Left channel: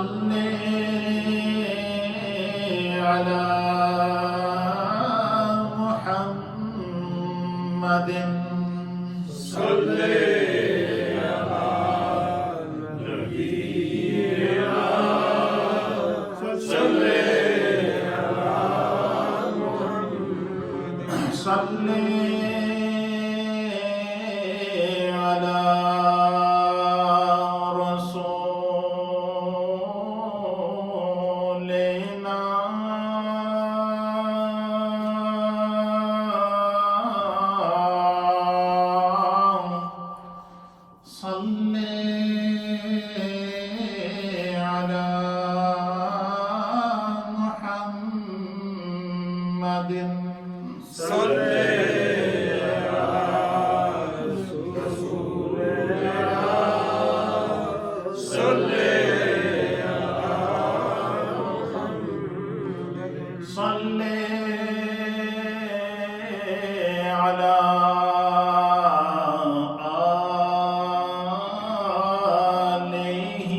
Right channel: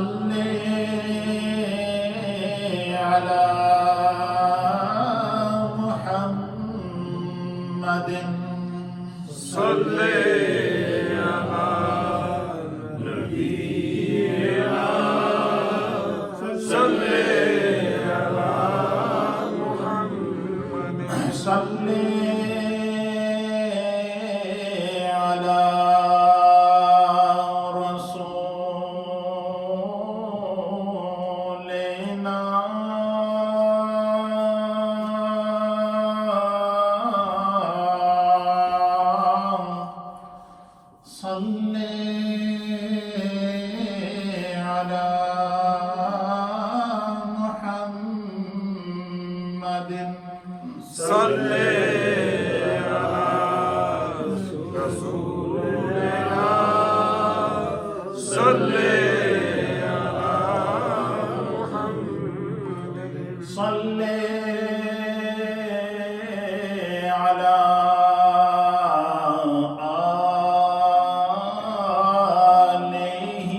صل على محمد صل على نبينا صل على محمد صل على رسولنا صل على محمد صل على رسولنا صل على محمد صل على آله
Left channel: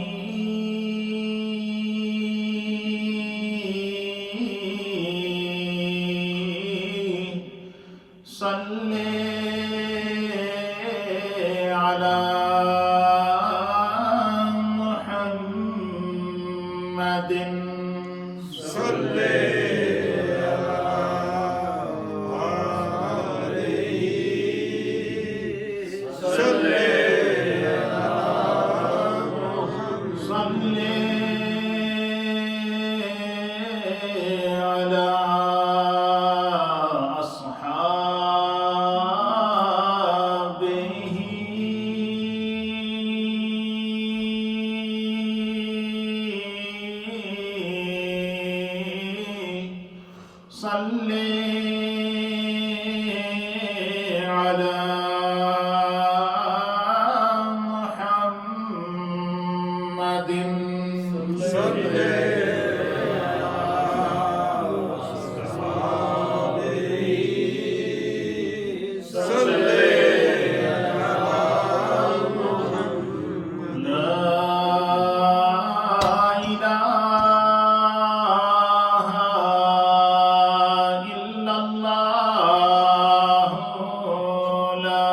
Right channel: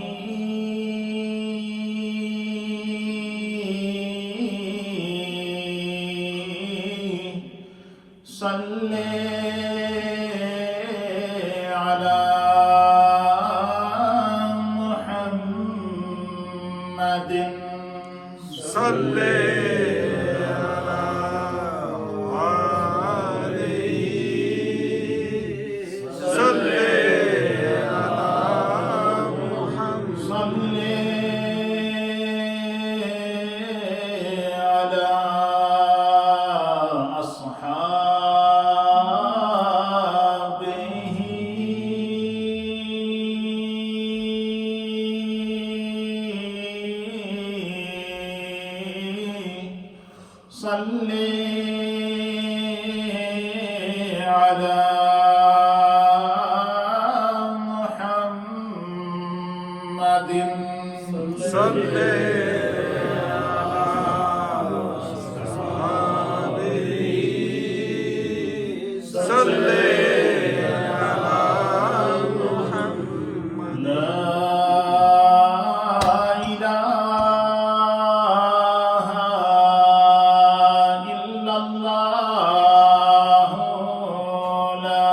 صل على محمد صل عليه صل على محمد صل على أصحابه صل على محمد صل على أصحابه صل على محمد لا إله إلا الله لا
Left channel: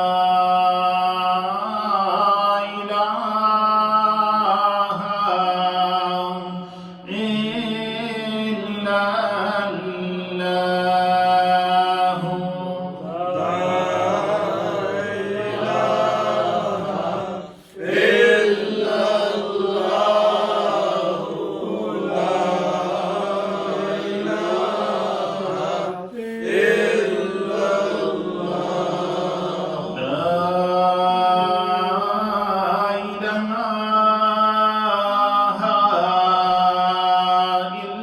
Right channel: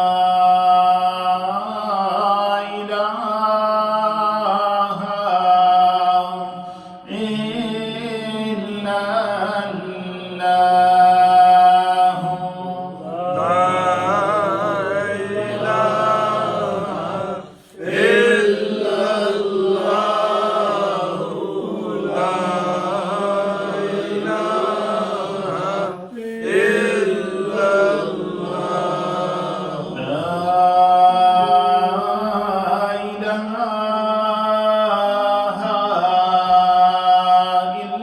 إله إلا الله لا إله إلا الله لا إله إلا الله لا إله إلا الله لا إله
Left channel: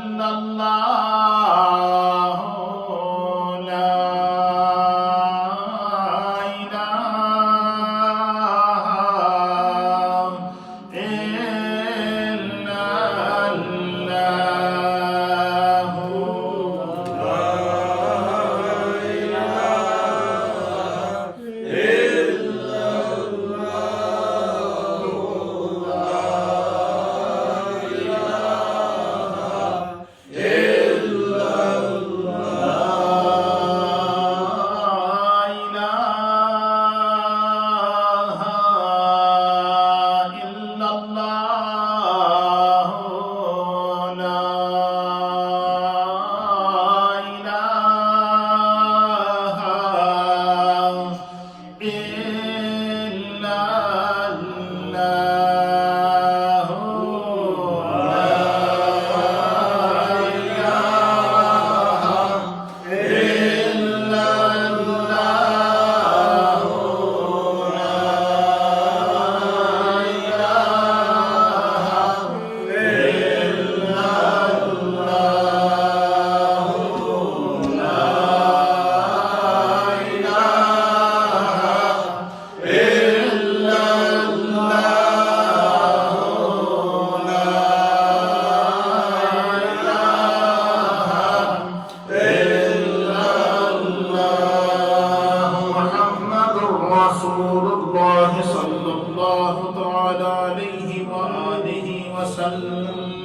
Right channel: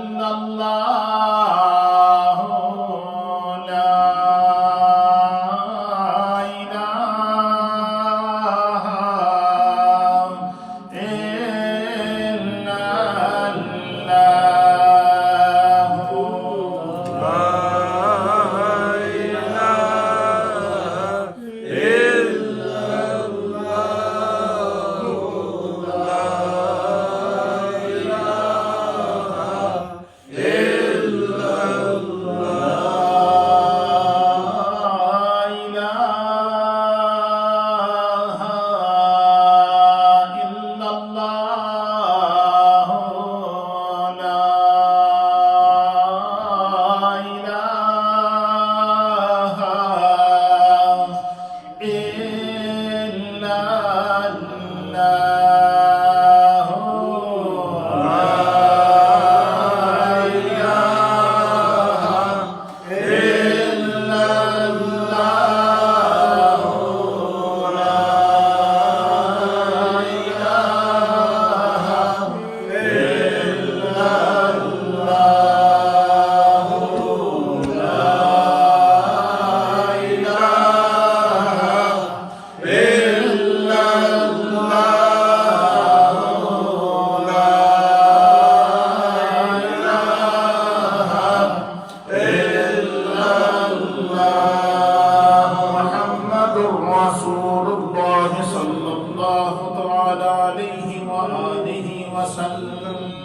إلا الله الله صلى الله تعالى عليه وآله وسلم.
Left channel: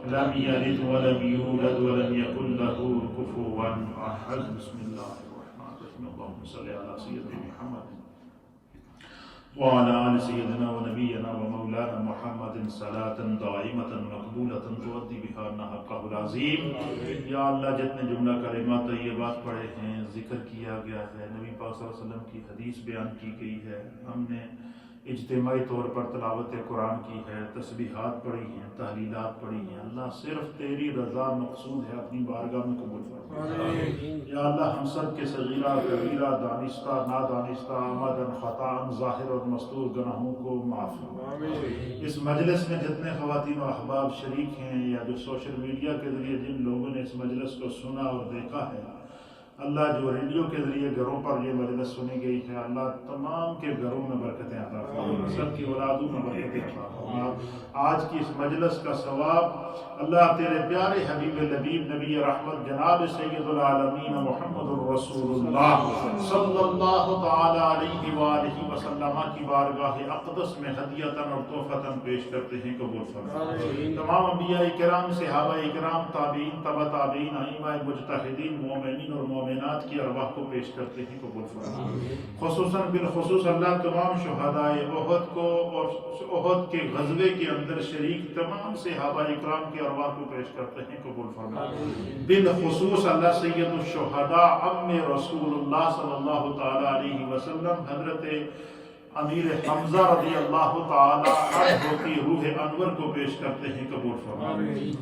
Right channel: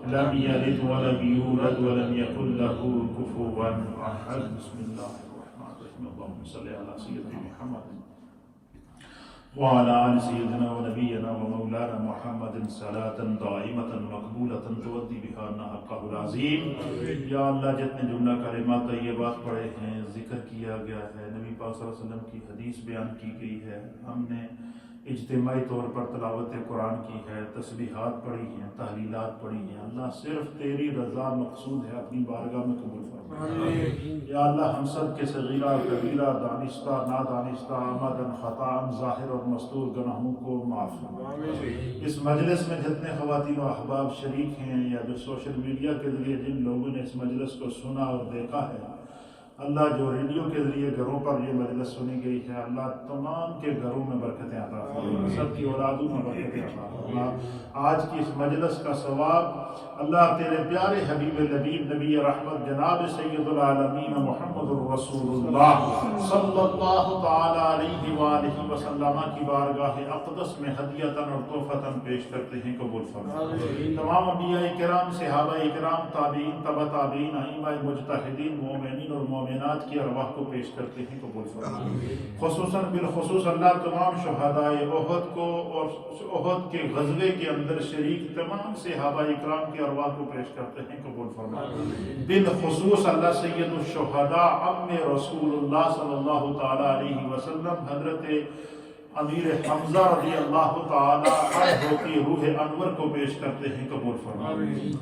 लम यलिद वलम यूलद वलम यकुल लहू कुफुवन अहद। बिस्मिल्लाहिर्रहमानिर्रहीम। अल्लाहुम्मा सल्लि अला सय्यिदिना मुहम्मद व अला आलि सय्यिदिना व नबियना व मौलाना मुहम्मदिन सलातन दाइमतन मकबूलतन तुअद्दी बिहा हक़्क़हुल अज़ीम। या अल्लाह, जितने जुमला कलिमात तय्यबात पढ़े हैं, जिक्र किया गया है, नबी पाक सल्लल्लाहु अलैहि वसल्लम की हदीस बयान की गई है, हमने इज्तिमाई तौर पर तिलावत कुरान की है, तस्बीहात पढ़ी हैं, तहलीलात पढ़ी हैं, अल्लाह सिर्फ तेरी रज़ा मकसूद है, अपनी बारगाह में कबूल फरमा। या अल्लाह, हम सब के सगीरा कबीरा, दानिस्ता नादानिस्ता, आमदन ख़ताअन, ज़ाहिर और मस्तूर गुनाहों को माफ़ फरमा। इस मजलिस में जितने ख़वातीन व अहबाब शरीक हैं या जो सोशल मीडिया के ज़रिए जिन लोगों ने इस मजलिस को सुना और देखा है, अल्लाह, जो रेडियो के ज़रिए घरों पर ये मजलिस सुनी गई है, अल्लाह तमाम के घरों में बरकतें अता फरमा, सबकी औलादों में बरकतें अता फरमा। आज की इस मजलिस का सवाब अल्लाह तेरे प्यारे हबीब लबीब नबी रहमत जनाब सय्यदुल आलमीन मुहम्मदुर रसूलुल्लाह सल्लल्लाहु तआला अलैहि व आलिहि वसल्लम की बारगाह अक़दस में हदियतन और तोहफ़तन पेश करते हैं, कबूल फरमा। तमाम अंबिया इकराम, सहाबा इकराम, ताबीन, तबा ताबीन, अइम्मा मुज्तहिदीन, मोमिनीन और मोमिनात की अरवाह को पेश करते हैं, कबूल फरमा। खुसूसन बिलखुसूस अल्लाह तमाम शुहदाए ओहद को और ओहद के ग़ज़वे के अंदर शरीक तमाम सहाबा इकराम की अरवाह को पेश करते हैं, कबूल फरमा। बिलखुसूस अल्लाह सय्यदुश शुहदा अम्मे रसूलुल्लाह सल्लल्लाहु तआला अलैहि वसल्लम हज़रत अमीर हमजा रज़ी अल्लाह तआला अन्हु की रूह अनवर को पेश करते हैं, कबूल फरमा।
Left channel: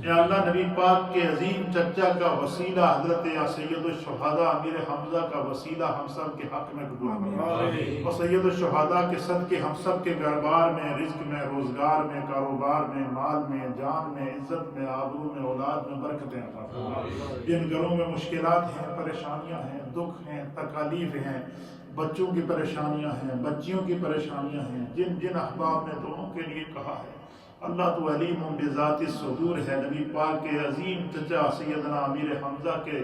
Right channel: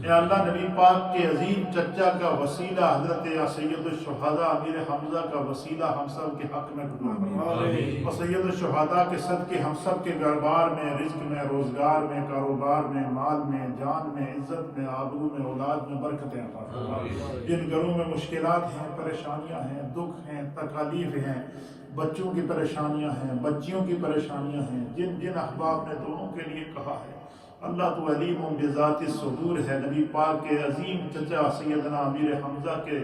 या अल्लाह, नबी पाक के अजीम चचा का वसीला हज़रत सय्यदुश शुहदा अमीर हमजा का वसीला हम सब के हक में कबूल फरमा। और सय्यदुश शुहदा के सदके हम सब के घरबार में, रिज़्क़ में, रोज़गार में, कारोबार में, माल में, जान में, इज्जत में, आबरू में, औलाद में बरकतें अता फरमा। जिन घरों में मुश्किलात हैं, परेशानियां हैं, दुख हैं, तकालीफ हैं, बच्चों की परेशानियां हैं, बच्चियों की परेशानियां हैं, जिन जिन अहबाब ने दोनों के लिए कहा है, अल्लाह तो अलीम बिज़ाति सुदूर है। नबी पाक के अजीम चचा सैयदना अमीर हमजा के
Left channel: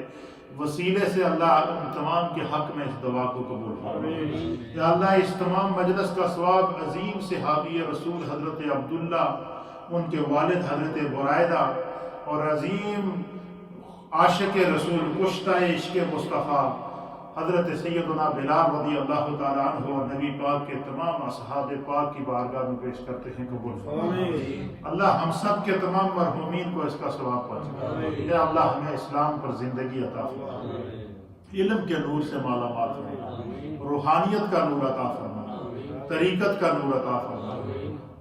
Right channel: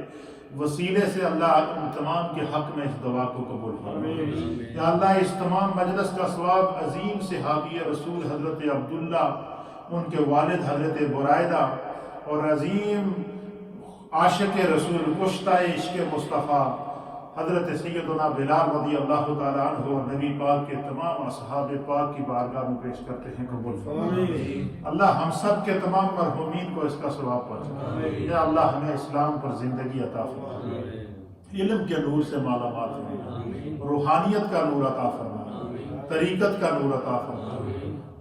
वसीले से अल्लाह उन तमाम के हक में इस दुआ को कबूल फरमा। या अल्लाह, इस तमाम मजलिस का सवाब अजीम सहाबी रसूल हज़रत अब्दुल्ला, उनके वालिद हज़रत बुरैदा और अजीम आशिक रसूल कुश्ता इश्क़ मुस्तफ़ा हज़रत सैयदना बिलाल रज़ी अल्लाह तआला अन्हु और नबी पाक के तमाम असहाब पाक की बारगाह में पेश करते हैं, कबूल फरमा। अल्लाह, हम सब के तमाम मरहूमीन को इसका सवाब पहुंचा। या अल्लाह, हमें इस्लाम पर जिंदगी अता फरमा, इल्म के नूर से माला माल फरमा, रूहानियत का नूर अता फरमा, तरीक़त का नूर अता फरमा।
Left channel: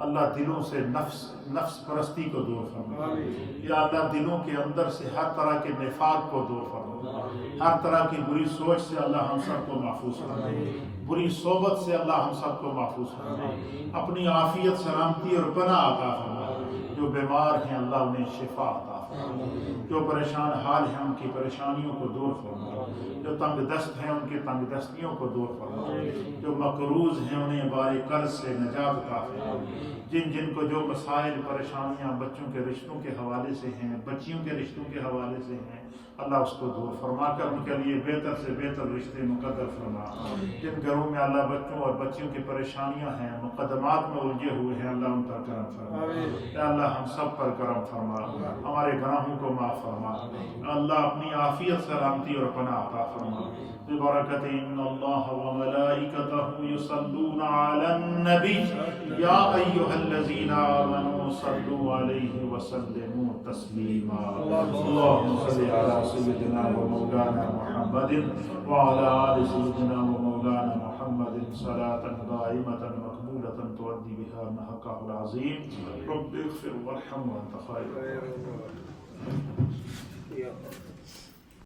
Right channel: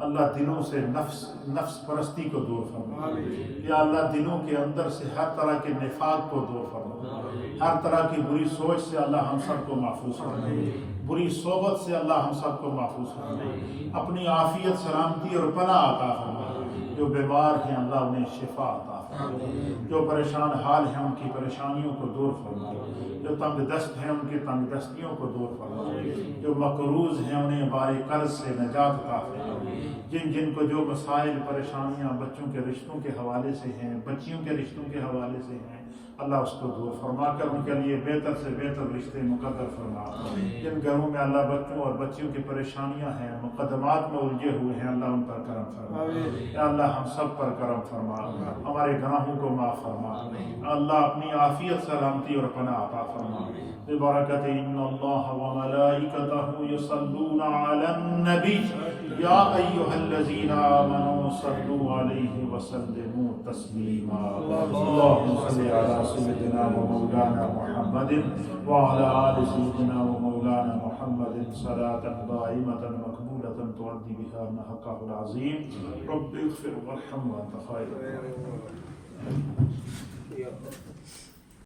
अल्लाह, दिलों से नफ्स परस्ती को दूर फरमा। या अल्लाह, दिलों के अंदर से हर तरह के निफाक को दूर फरमा, हर तरह की बुरी सोच से अल्लाह हम सबको महफूज फरमा, बुरी सोबत से अल्लाह हम सबको महफूज फरमा। अपनी आफियत, सलामती और पनाह अता फरमा। जो बीमार हैं अल्लाह उन्हें शिफा अता फरमा, जो परेशान हाल हैं उनकी परेशानियों को दूर फरमा, जो तंग दस्त हैं उनकी तंग दस्तियों को दूर फरमा, जो मकरूज हैं उन्हें बारे कर्ज से निजात अता फरमा। जिन जिन को जो मसाइल परेशानियां बच्चों के रिश्तों के हवाले से हैं, बच्चियों के रिश्तों के हवाले से हैं, अल्लाह उसको दूर फरमा कर उनके लिए बेहतर से बेहतर रिश्ते मुकद्दर फरमा। जिन घरों में अल्लाह बच्चों और बच्चियों की परेशानियां हैं, मुकदमात में उलझे हुए हैं, अल्लाह उन पर करम फरमा। या अल्लाह, हम सब पर करम फरमा, हमारे गुनाहों को माफ़ फरमा। अल्लाह, अपनी आफियत, सलामती और पनाह अता फरमा। बिबरकत इन्नल्लाह व मलाइकतहु युसल्लूना अलन नबी या अय्युहल्लज़ीना आमनू सल्लू अलैहि व सल्लिमू तस्लीमा। अल्लाहुम्मा सल्लि अला सय्यिदिना व मौलाना मुहम्मदिन व अला आलि सय्यिदिना व मौलाना मुहम्मदिन सलातन दाइमतन मकबूलतन तुअद्दी बिहा हक़्क़हुल अज़ीम। रब्बिग़फिर वरहम व अंत खैरुर राहिमीन।